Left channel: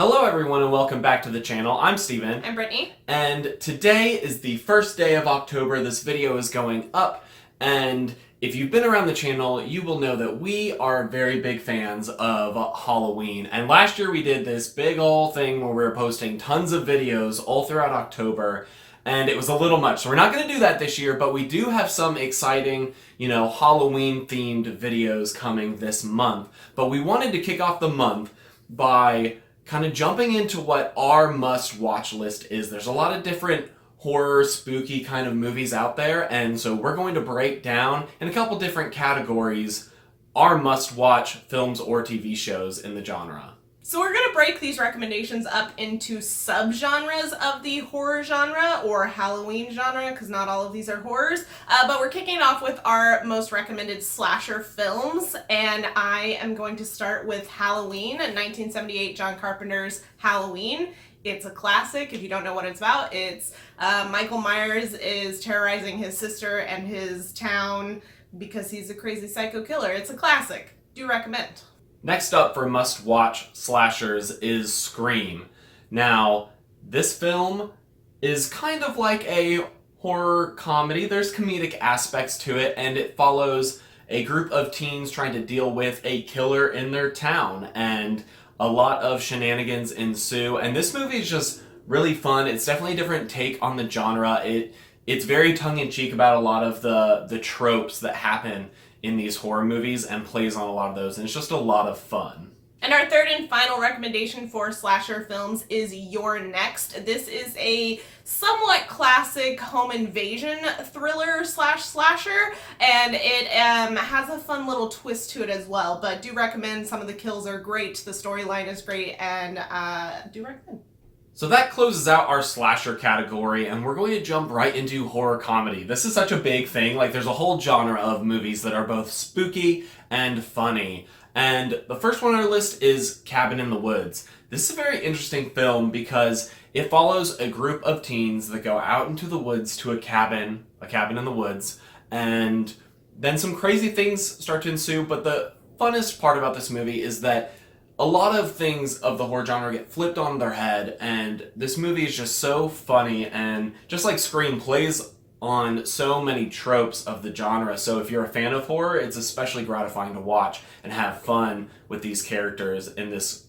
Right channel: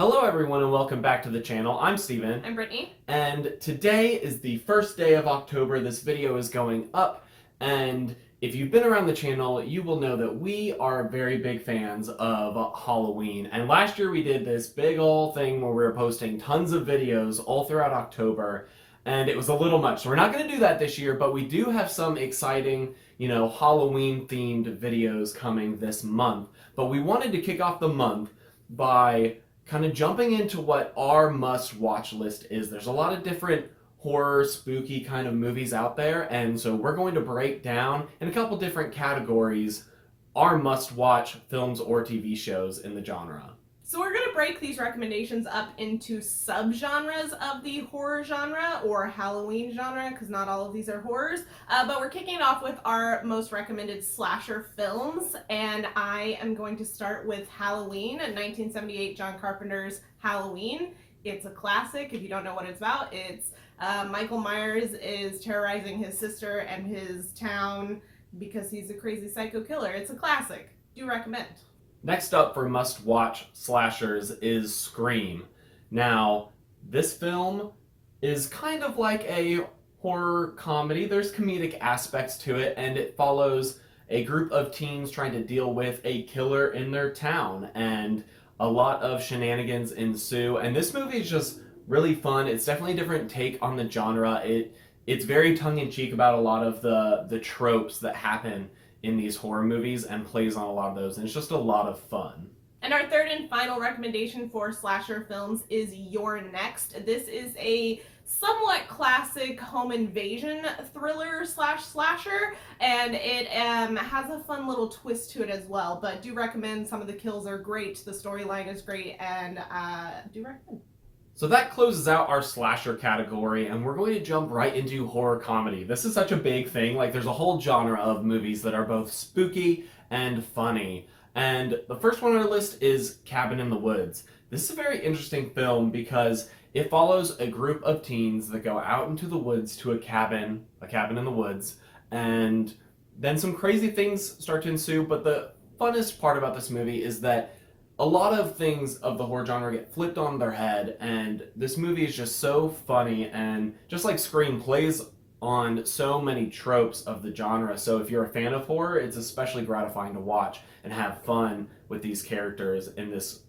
Hello everyone and welcome back to the channel. I'm Steven. I'm Brittany. And today is the first day of October. This video is going up, and if you've been around the channel, you will know that we are very big fans of Halloween. And last year we did this big ol' thing where we were posting tons of videos all throughout October, and it was a little much. So we're not going to do that this year, but we do have some exciting, Halloween themed videos coming this month. But we wanted to kick off the month by kind of jumping into what our must-watch list is. There's a lot of different horror, spooky kind of movies out there, and so we're going to break down in a couple different categories our must-watch films or TV shows in the genre. So we're going to break these recommendations up into subgenres of the horror genre or Halloween genre, because not all of these are horrors. But we're kicking it off with our most recommended slasher films, and I am going to start with Halloween, 1978 John Carpenter's Halloween. It's a classic. If you don't know what it's about, it's Michael Myers is terrorizing his sister and his town because he's a crazy psycho killer. It's a classic. Do recommend. Next up for must-watch slashers is Scream. Now, this film is kind of like a horror comedy. There's comedic aspects to it, and it follows a group of teens trying to deal with a killer in their town, and a lot of shenanigans ensue. And this movie is just really fun. It's definitely a different take on the genre. It's very tongue-in-cheek about a lot of the tropes that happen in these horror movies and plays on a lot of those, and it's just a lot of fun. And our third and final recommendation for slasher films is You're Next. This is a somewhat classic home invasion thriller slash slasher, and it has a fun little twist to it as well, but do recommend. Some of the kills are great, the storyline is great, and do recommend. So that closes out our slasher category, and we're going to jump right into horror comedy. This is such a big thing. Like, there's a whole genre of movies that are both spooky and funny. And the first one on our list is Cabin in the Woods. This is a very interesting film because it follows a group of teens that go out into the woods to a cabin in the woods, and then some crazy things start to ensue. But the funnest part about this movie is that a lot of things of the horror genre get flipped on their head, and this movie is just so funny, and just like Scream, plays on so many tropes of the genre. So if you're a fan of horror, it's especially gratifying to watch and have fun with these characters in this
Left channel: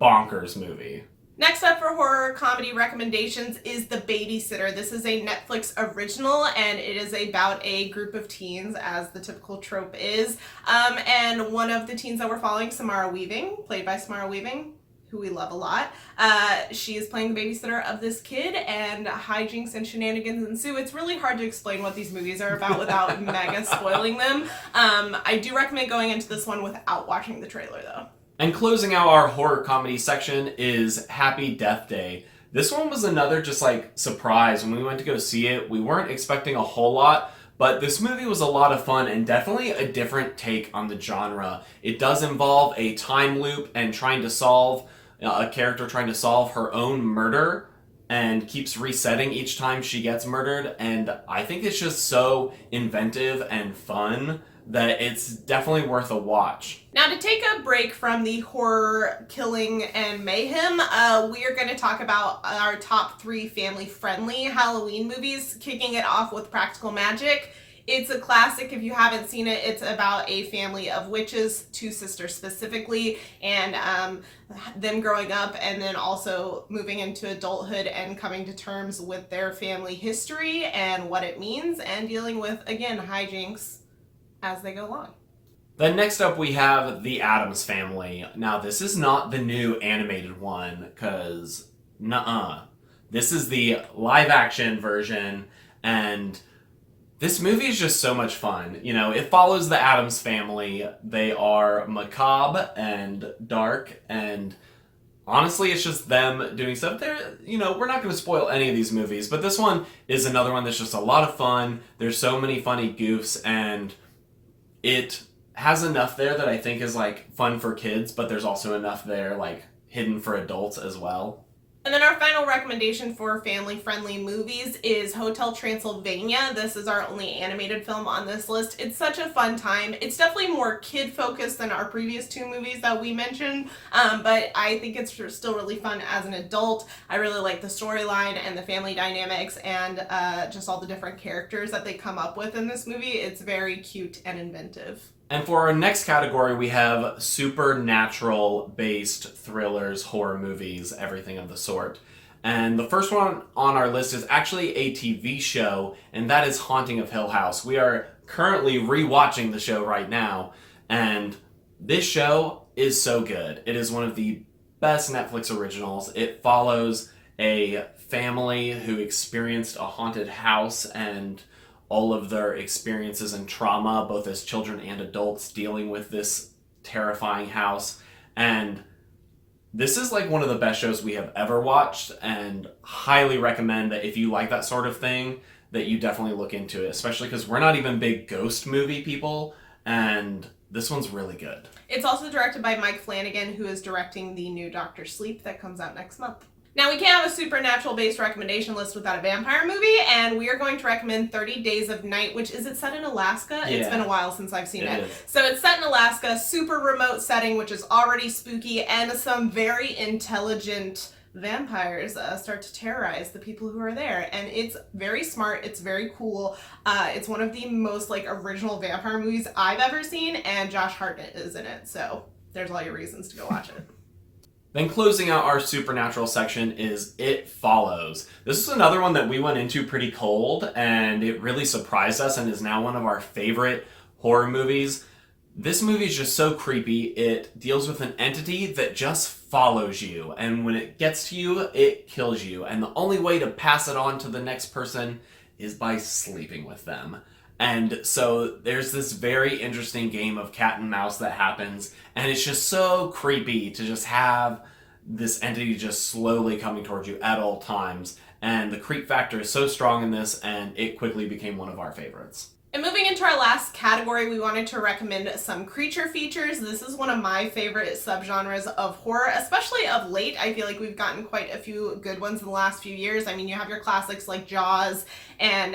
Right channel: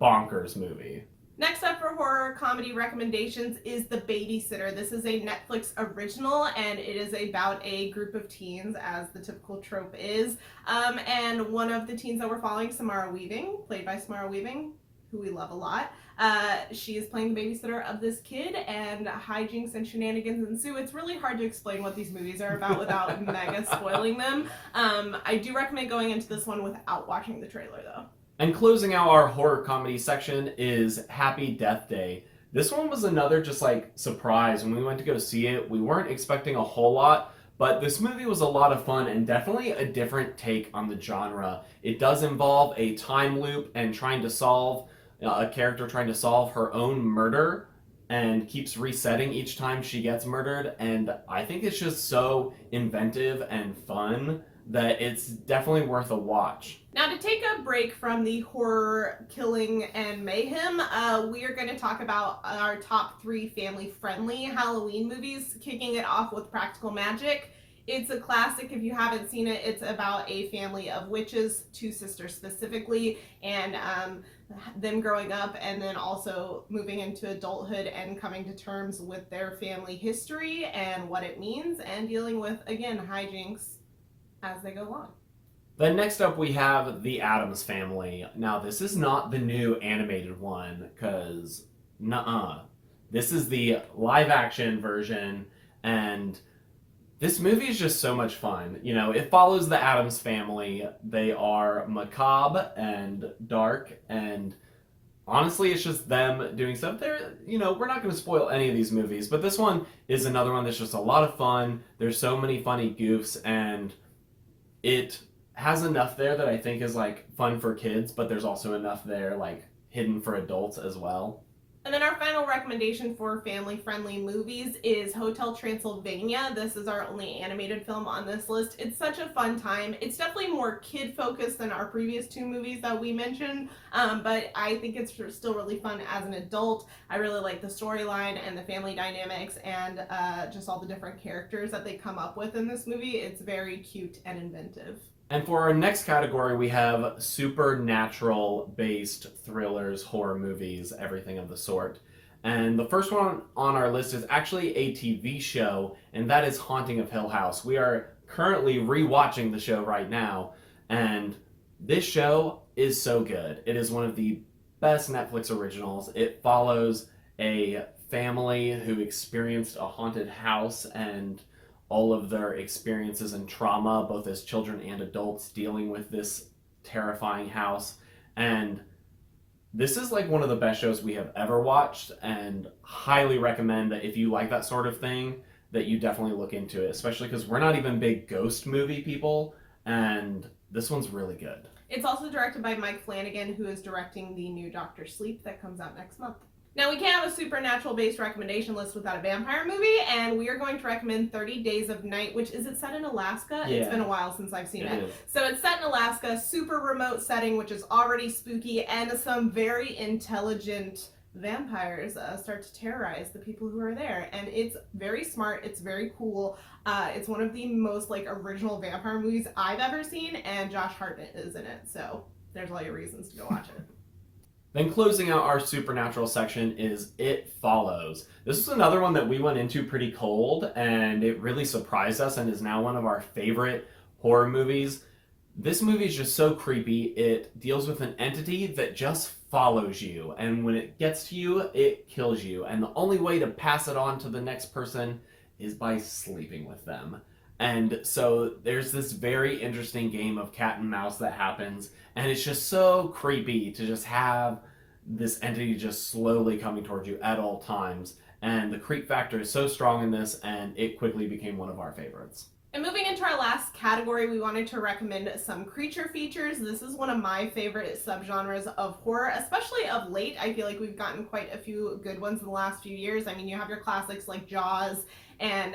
bonkers movie. Next up for horror comedy recommendations is The Babysitter. This is a Netflix original, and it is about a group of teens, as the typical trope is. And one of the teens that we're following, Samara Weaving, played by Samara Weaving, who we love a lot. She is playing the babysitter of this kid, and hijinks and shenanigans ensue. It's really hard to explain what these movies are about without mega spoiling them. I do recommend going into this one without watching the trailer, though. And closing out our horror comedy section is Happy Death Day. This one was another just like surprise. When we went to go see it, we weren't expecting a whole lot, but this movie was a lot of fun and definitely a different take on the genre. It does involve a time loop and trying to solve, a character trying to solve her own murder, and keeps resetting each time she gets murdered. And I think it's just so inventive and fun that it's definitely worth a watch. Now, to take a break from the horror, killing, and mayhem, we are going to talk about our top 3 family-friendly Halloween movies, kicking it off with Practical Magic. It's a classic. If you haven't seen it, it's about a family of witches, 2 sisters specifically, and them growing up and then also moving into adulthood and coming to terms with their family history and what it means, and dealing with, again, hijinks as they go along. Then next up we have The Addams Family. Now, this is not the new animated one, because this is the live action version, and this movie is just so much fun. It follows the Addams Family. They are macabre and dark, and honestly, it's just them doing stuff. We're not going to spoil any of these movies, but this one is another one that's just a lot of fun. There's so many funny goofs, and it has enough there that I think is like fun for kids, but there's also enough there like hidden for adults as well. And then our final recommendation for family-friendly movies is Hotel Transylvania. This is our only animated film on this list. It's such a fun time. It's definitely more kid-focused than our previous two movies that we mentioned, but I think it's still really fun as an adult. I really like the storyline and the family dynamics and just all the different characters that they come up with in this movie. It's very cute and inventive. And for our next category, we have supernatural-based thrillers, horror movies, everything of the sort. And the first one on our list is actually a TV show, and that is Haunting of Hill House. We are currently rewatching the show right now, and this show is so good. It is one of the best Netflix originals. It follows a family who experienced a haunted house and all of their experiences and trauma, both as children and adults, dealing with this terrifying house. And this is like one of the best shows we have ever watched, and highly recommend that if you like that sort of thing, that you definitely look into it, especially because we're not even big ghost movie people, and this one's really good. It's also directed by Mike Flanagan, who is directing the new Doctor Sleep that comes out next month. Now, we can't have a supernatural-based recommendation list without a vampire movie, and we are going to recommend 30 Days of Night, which is it set in Alaska? Yeah. It's been a while since I've seen it. Is. So it's set in Alaska, super remote setting, which is already spooky, and some very intelligent vampires start to terrorize the people who are there. And it's very smart, it's very cool. It's one of the most original vampire movies I've ever seen, and Josh Hartnett is in it, so there's all your reasons to go watch it. Then closing out our supernatural section is It Follows. This is another one that we went into pretty cold, and it really surprised us and is now one of our favorite horror movies. This movie is just so creepy. It deals with an entity that just follows you, and when it gets to you, it kills you. And the only way to pass it on to the next person is by sleeping with them. And so there's this very interesting game of cat and mouse that happens, and it's just so creepy to just have this entity just slowly coming towards you at all times. And the creep factor is so strong in this, and it quickly became one of our favorites. And moving into our last category, we wanted to recommend some creature features. This is one of my favorite subgenres of horror, especially of late. I feel like we've gotten quite a few good ones in the last few years. I mean, you have your classics like Jaws and,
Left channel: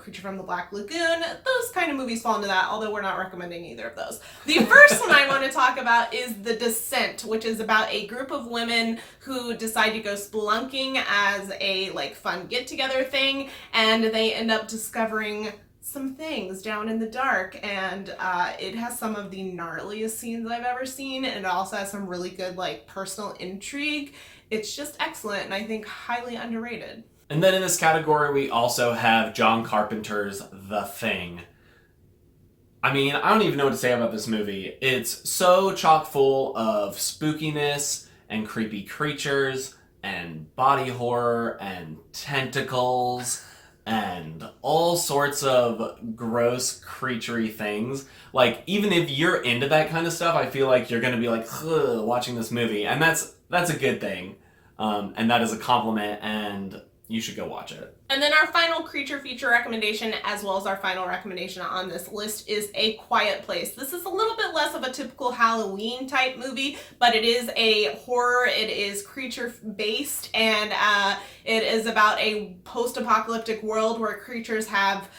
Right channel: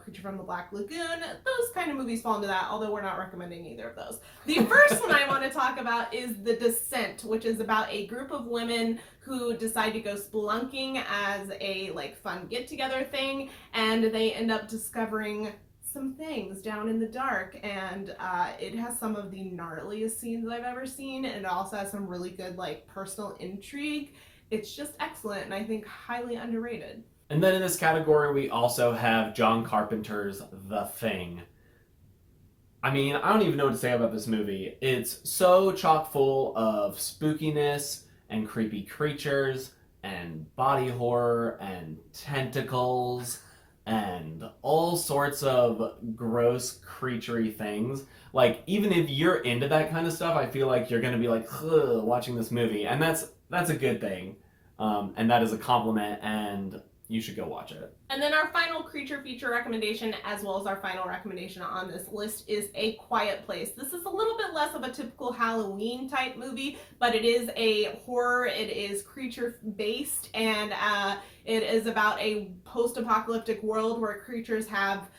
Creature from the Black Lagoon. Those kind of movies fall into that, although we're not recommending either of those. The first one I want to talk about is The Descent, which is about a group of women who decide to go spelunking as a, fun get-together thing, and they end up discovering some things down in the dark, and it has some of the gnarliest scenes I've ever seen, and it also has some really good personal intrigue. It's just excellent, and I think highly underrated. And then in this category we also have John Carpenter's The Thing. I mean, I don't even know what to say about this movie. It's so chock full of spookiness and creepy creatures and body horror and tentacles and all sorts of gross, creaturey things. Even if you're into that kind of stuff, I feel like you're gonna be watching this movie, and that's a good thing, and that is a compliment, and you should go watch it. And then our final creature feature recommendation, as well as our final recommendation on this list, is A Quiet Place. This is a little bit less of a typical Halloween type movie, but it is a horror, it is creature based, and it is about a post-apocalyptic world where creatures have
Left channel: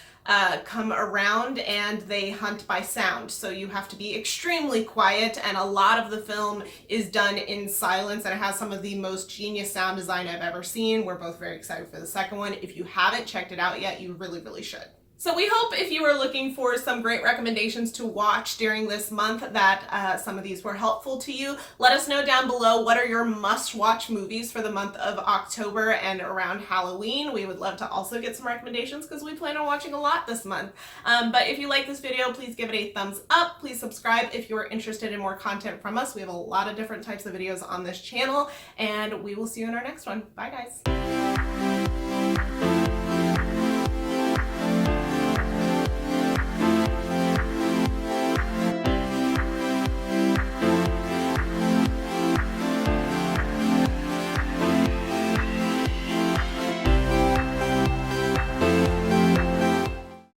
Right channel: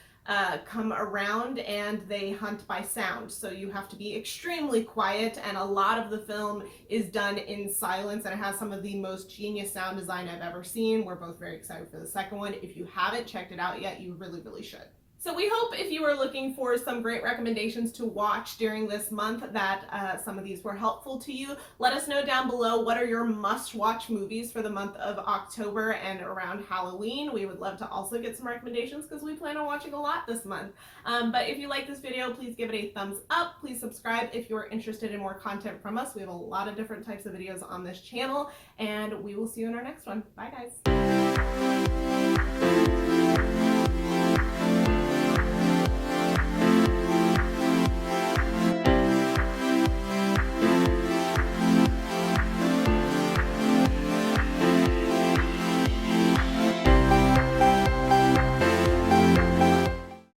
come around and they hunt by sound. So you have to be extremely quiet, and a lot of the film is done in silence, and it has some of the most genius sound design I've ever seen. We're both very excited for the second one. If you haven't checked it out yet, you really, really should. So we hope if you are looking for some great recommendations to watch during this month that some of these were helpful to you. Let us know down below what are your must-watch movies for the month of October and around Halloween. We would love to also get some recommendations because we plan on watching a lot this month. But if you like this video, please give it a thumbs up. Please subscribe if you are interested in more content from us. We have a lot of different types of videos on this channel, and we will see you in our next one. Bye, guys.